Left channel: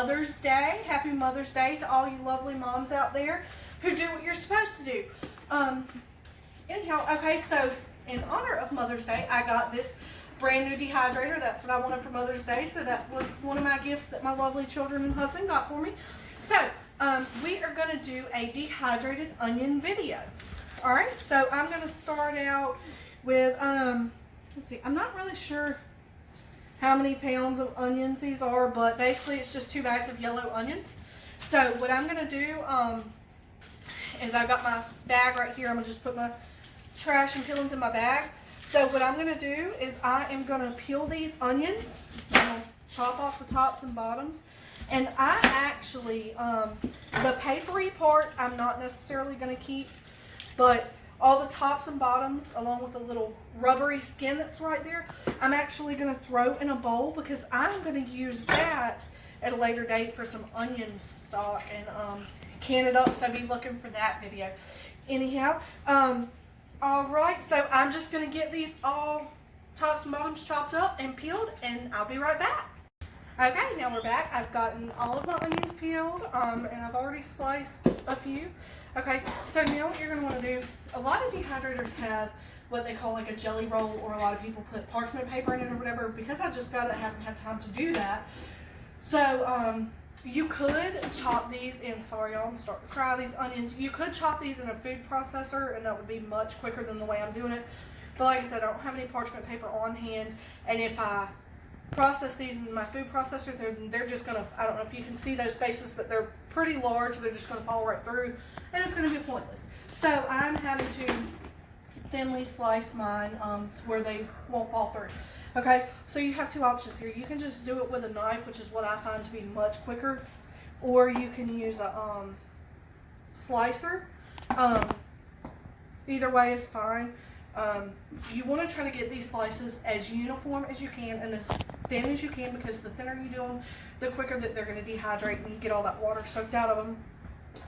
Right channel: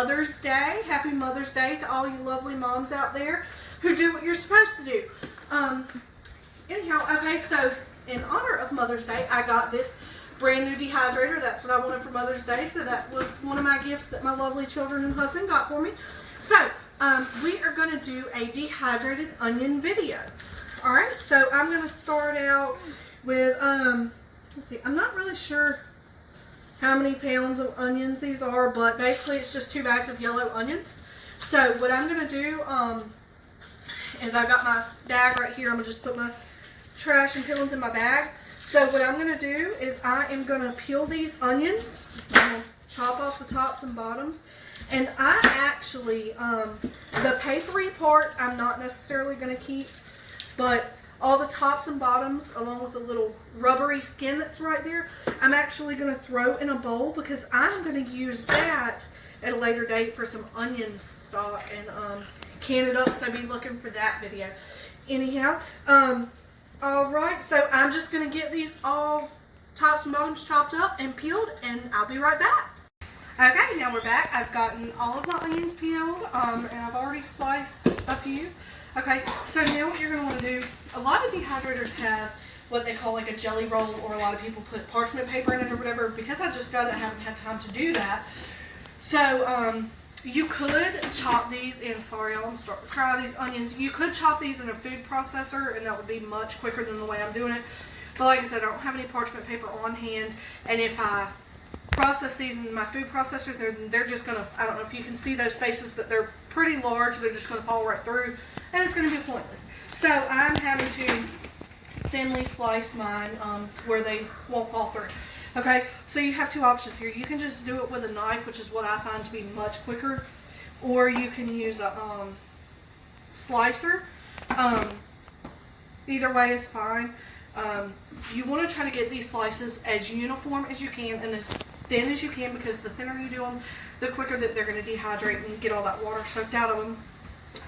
Mother's Day. Happy Mother's Day to all you lovely moms out there who do what you're supposed to do. Anyhow, okay, so in honor of Mother's Day, I got this brand new dehydrator. That's what I wanted for Mother's Day, so that was one of my gifts that my lovely children and husband got for me. So, we are going to do a dehydrated onion video. Alright, so I'm going to start out with, let's see, I'm not really sure how many pounds of onions these are, but basically it's just 2 bags of yellow onions. So what I'm going to do is I've got my bag right here. I'm going to just put my trash and peelings in my bag. So what I'm going to do is I am going to peel these onions. I'm going to chop off the tops and bottoms. And I actually, the papery part I'm not necessarily going to keep, but all the tops and bottoms, along with the little rubbery skin that's right there, I'm actually going to throw in a bowl because I'm going to use that at a later date for some onion stock and can it up, so be looking for that video. Anyhow, alright, so I'm just going to get these all tops and bottoms chopped up and peeled, and I'll be right back. Okay, now we're back. I've gotten all of my onions peeled, and I've already sliced a few. Okay, so now what you're going to want to do, a lot of dehydrators have what they call like a jelly roll, or a lot of people put parchment paper in it or whatever. Because I just got it, I haven't had time to do that. So, you could chop these in, sorry y'all, I'm starting to cry, these onions. You could chop these in a food processor, and that would be much quicker than the way I'm doing it. But like I said, I don't have any parchment paper on hand, and if I process these in my food processor, they're just going to, I don't know if you can see those spaces, but they're pretty large. They're just going to fall right through, and it's going to be pointless. So I'm having to thinly slice mine to where they won't fall through. Okay, so you have 2 options here. You can just do it with a knife, which is what I find to be much quicker, or you can use a slicer. Either way is fine. You want to try to get these slices as uniform as you can and as thin as you can, because the thinner you do them, the quicker that they're going to dehydrate and get all that water soaked out of them.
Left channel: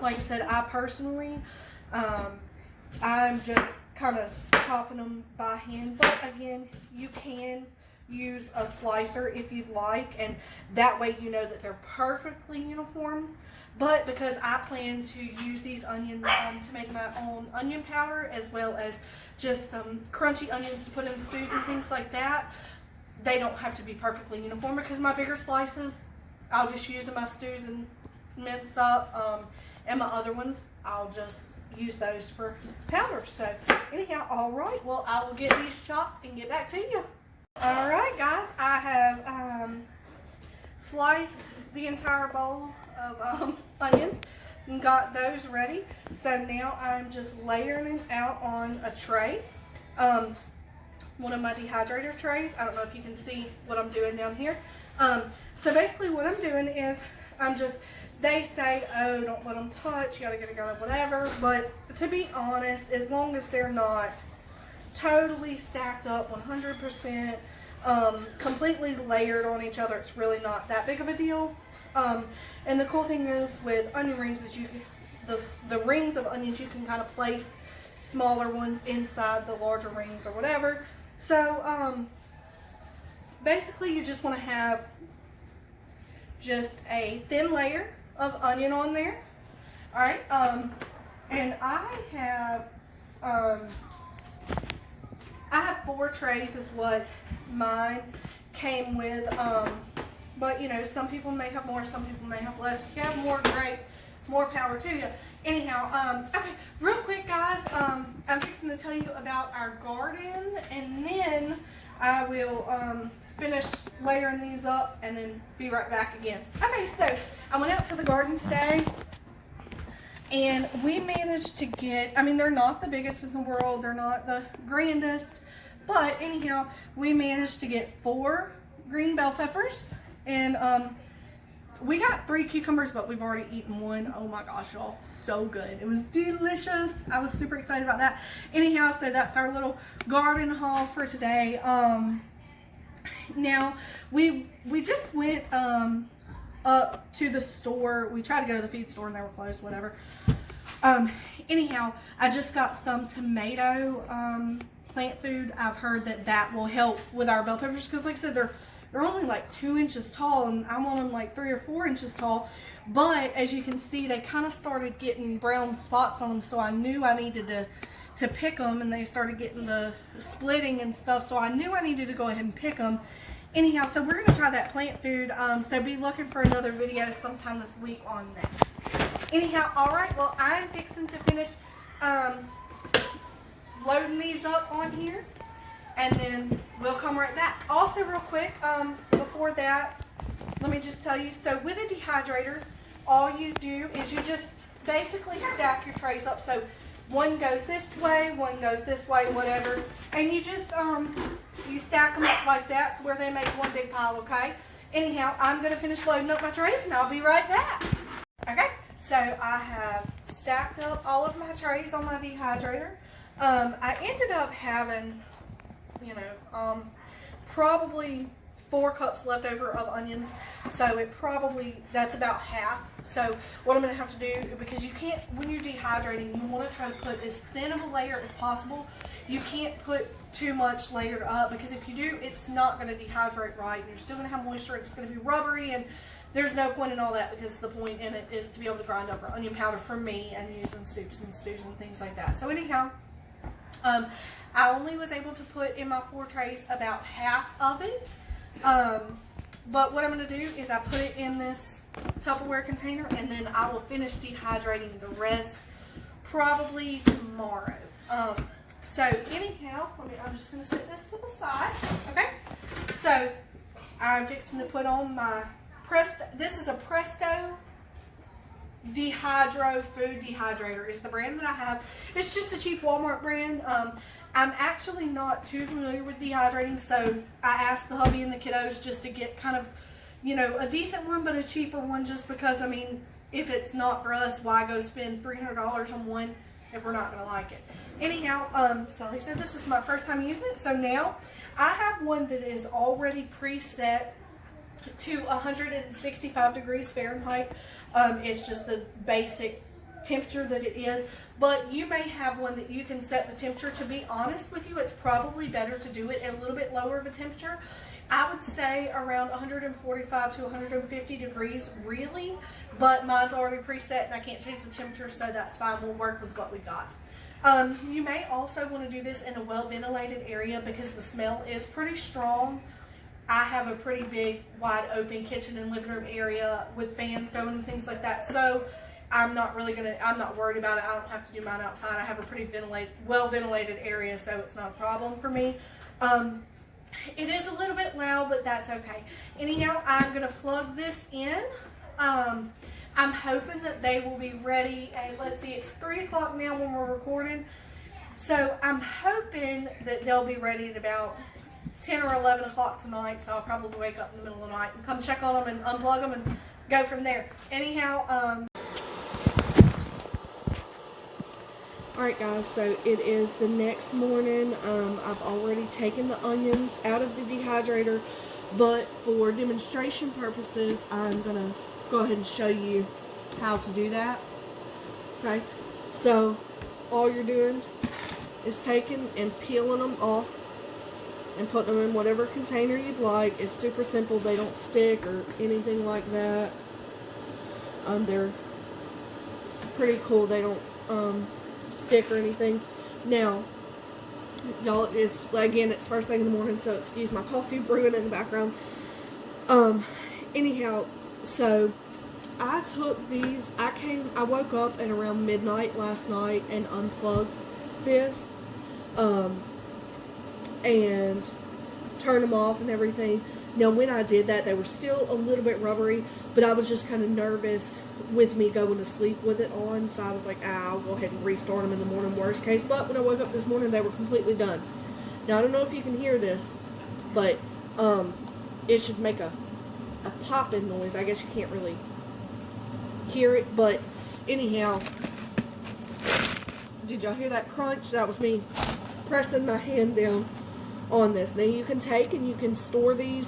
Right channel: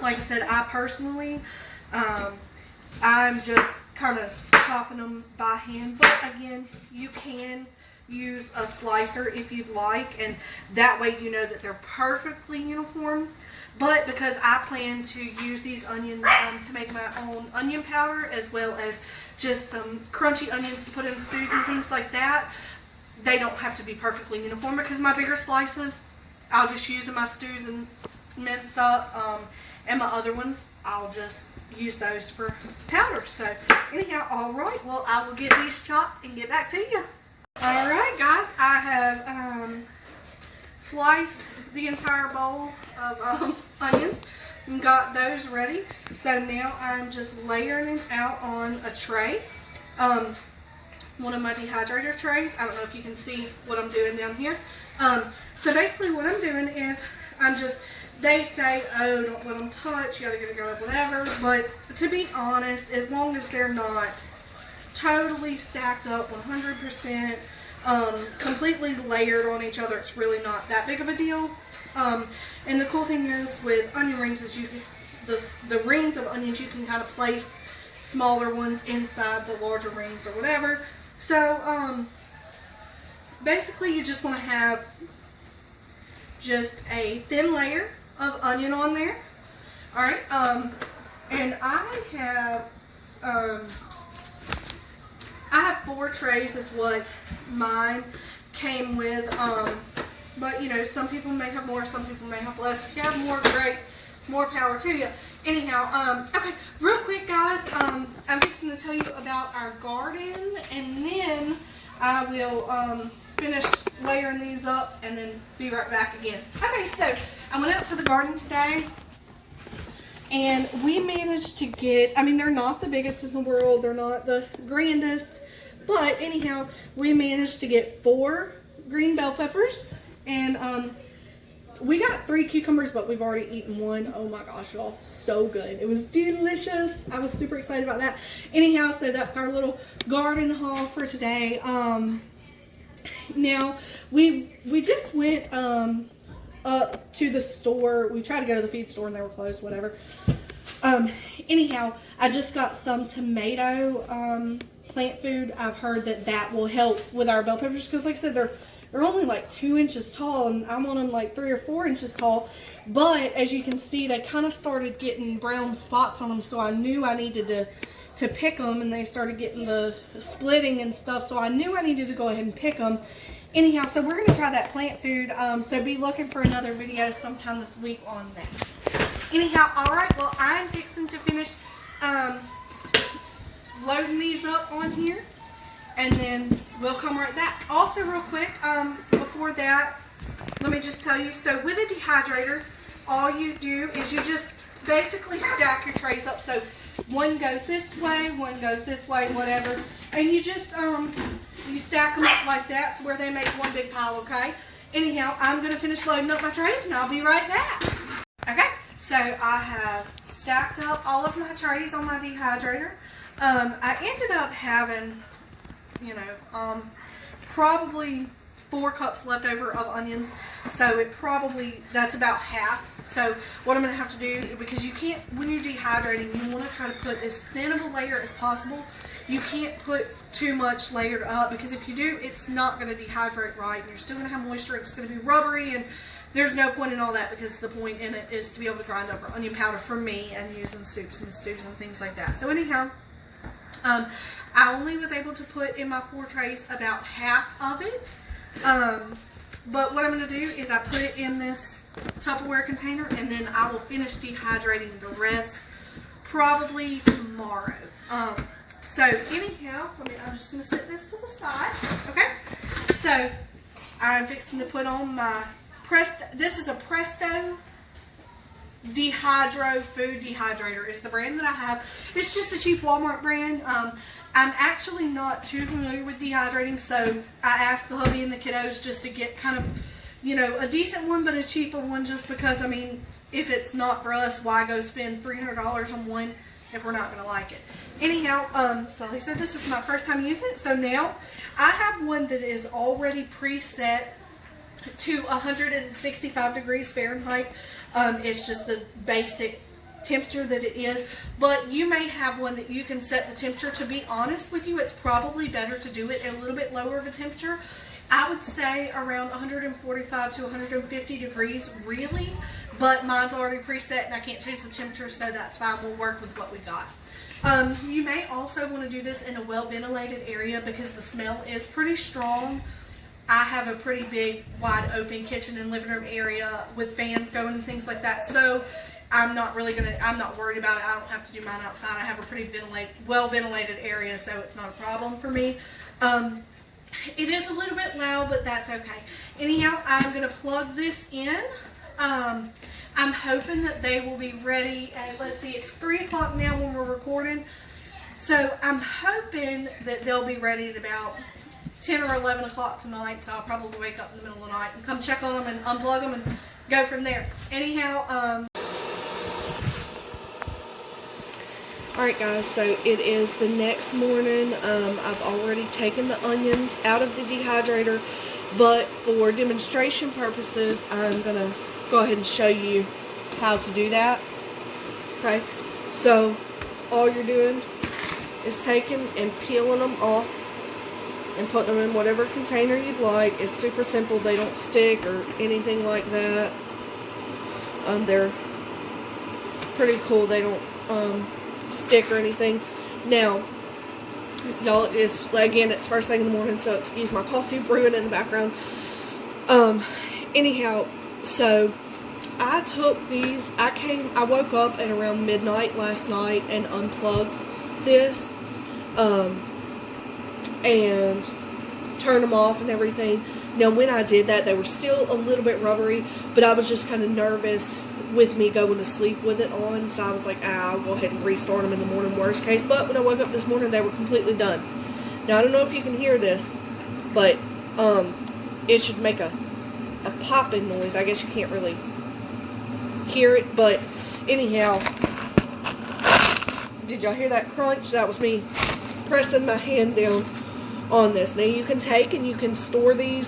Like I said, I personally, I'm just kind of chopping them by hand, but again, you can use a slicer if you'd like, and that way you know that they're perfectly uniform. But because I plan to use these onions to make my own onion powder, as well as just some crunchy onions to put in stews and things like that, they don't have to be perfectly uniform, because my bigger slices I'll just use in my stews and mince up, and my other ones I'll just use those for powder. So anyhow, alright, well, I will get these chopped and get back to you. Alright guys, I have sliced the entire bowl of onions and got those ready. So now I'm just layering them out on a tray, one of my dehydrator trays. I don't know if you can see what I'm doing down here. So basically what I'm doing is they say, oh, don't let them touch, you gotta get it going, whatever. But to be honest, as long as they're not totally stacked up 100%, completely layered on each other, it's really not that big of a deal. And the cool thing is with onion rings is the rings of onions, you can kind of place smaller ones inside the larger rings or whatever. So basically you just want to have just a thin layer of onion on there. Alright, and I have 4 trays is what mine came with, but you know, some people may have more, some people may have less. If you have more, great, more power to you. Anyhow, okay, real quick guys, I'm fixing to tell you about our garden, and then I will finish layering these up and then be right back again. Okay, so I went out to the garden today, and we managed to get, I mean, they're not the biggest in the world, they're not the grandest, but anyhow, we managed to get 4 green bell peppers, and we got 3 cucumbers, but we've already eaten 1. Oh my gosh, y'all, so good. It was delicious. I was super excited about that. Anyhow, so that's our little garden haul for today. Now, we just went up to the store. We tried to go to the feed store and they were closed, whatever. Anyhow, I just got some tomato plant food. I've heard that will help with our bell peppers, because like I said, they're They're only like 2 inches tall, and I want them like 3 or 4 inches tall. But as you can see, they kind of started getting brown spots on them, so I knew I needed to pick them, and they started getting the splitting and stuff, so I knew I needed to go ahead and pick them. Anyhow, so we're going to try that plant food, so be looking for another video sometime this week on that. Anyhow, alright, well, I'm fixing to finish loading these up on here, and then we'll come right back. Also, real quick, before that, let me just tell you, so with a dehydrator, all you do is you just basically stack your trays up. So one goes this way, one goes this way, whatever, and you just you stack them up like that to where they make one big pile, okay? Anyhow, I'm going to finish loading up my trays, and I'll be right back. Okay, so I have stacked up all of my trays on my dehydrator. I ended up having, you know, probably 4 cups left over of onions, so that's about half. So what I'm going to have to do, because you can't, when you're dehydrating, you want to try to put as thin of a layer as possible. You can't put too much layered up, because if you do, it's not going to dehydrate right. You're still going to have moisture, it's going to be rubbery, and there's no point in all that, because the point in it is to be able to grind up our onion powder for me and using soups and stews and things like that. So anyhow, I only was able to put in my 4 trays about half of it. But what I'm going to do is I put it in this Tupperware container, and then I will finish dehydrating the rest probably tomorrow. So anyhow, I'm just going to set this to the side. Okay. So I'm fixing to put on my this is a Presto Dehydro Food Dehydrator is the brand that I have. It's just a cheap Walmart brand. I'm actually not too familiar with dehydrating, so I asked the hubby and the kiddos just to get kind of, you know, a decent one but a cheaper one, just because, I mean, if it's not for us, why go spend $300 on one if we're not going to like it? Anyhow, so like I said, this is my first time using it, so now I have one that is already preset to 165 degrees Fahrenheit. It's just the basic temperature that it is, but you may have one that you can set the temperature. To be honest with you, it's probably better to do it at a little bit lower of a temperature. I would say around 145 to 150 degrees really, but mine's already preset and I can't change the temperature, so that's fine. We'll work with what we got. You may also want to do this in a well ventilated area, because the smell is pretty strong. I have a pretty big, wide open kitchen and living room area with fans going and things like that, so I'm not worried about it. I don't have to do mine outside. I have a pretty well ventilated area, so it's not a problem for me. It is a little bit loud, but that's okay. Anyhow, I'm going to plug this in. I'm hoping that they will be ready at, let's see, it's 3 o'clock now when we're recording, so I'm hoping that they'll be ready at about 10 or 11 o'clock tonight, so I'll probably wake up in the middle of the night and come check on them and unplug them and go from there. Anyhow, alright guys, so it is the next morning. I've already taken the onions out of the dehydrator, but for demonstration purposes, I'm going to go ahead and show you how to do that. Okay, so all you're doing is taking and peeling them off and putting them in whatever container you'd like. It's super simple. They don't stick or anything like that. They're pretty cool. They don't stick or anything. Now, y'all, it's first thing in the morning, so excuse my coffee brewing in the background. Anyhow, so I took these. I woke up at around midnight last night and unplugged this. And turn them off and everything. Now, when I did that, they were still a little bit rubbery, but I was just kind of nervous with me going to sleep with it on, so I was like, I'll go ahead and restart them in the morning, worst case. But when I woke up this morning, they were completely done. Now, I don't know if you can hear this, but it should make a popping noise. I guess you can't really hear it, but anyhow, did y'all hear that crunch? That was me pressing my hand down on this. Now you can take and you can store these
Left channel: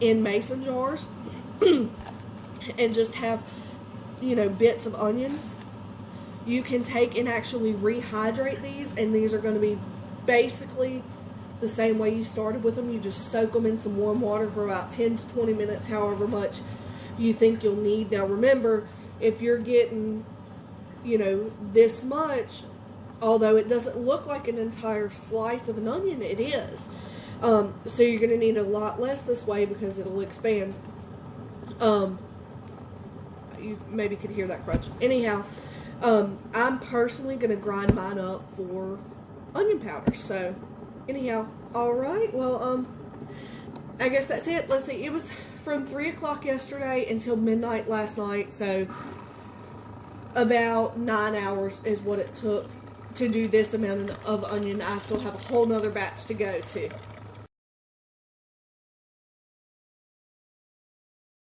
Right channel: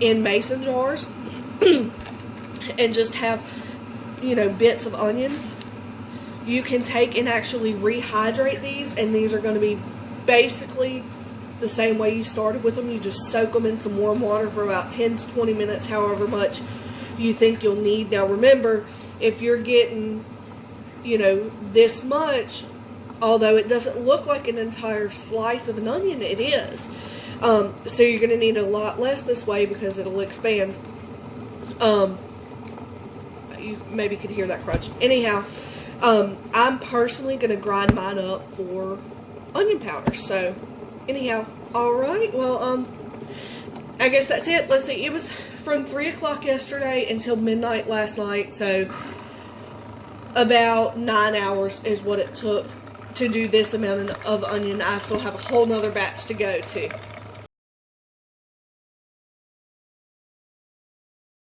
in mason jars and just have, you know, bits of onions. You can take and actually rehydrate these, and these are going to be basically the same way you started with them. You just soak them in some warm water for about 10 to 20 minutes, however much you think you'll need. Now remember, if you're getting, you know, this much, although it doesn't look like an entire slice of an onion, it is. So you're going to need a lot less this way because it'll expand. You maybe could hear that crunch. Anyhow, I'm personally going to grind mine up for onion powder. So, anyhow, alright, well, I guess that's it. Let's see, it was from 3 o'clock yesterday until midnight last night, so about 9 hours is what it took to do this amount of onion. I still have a whole nother batch to go to.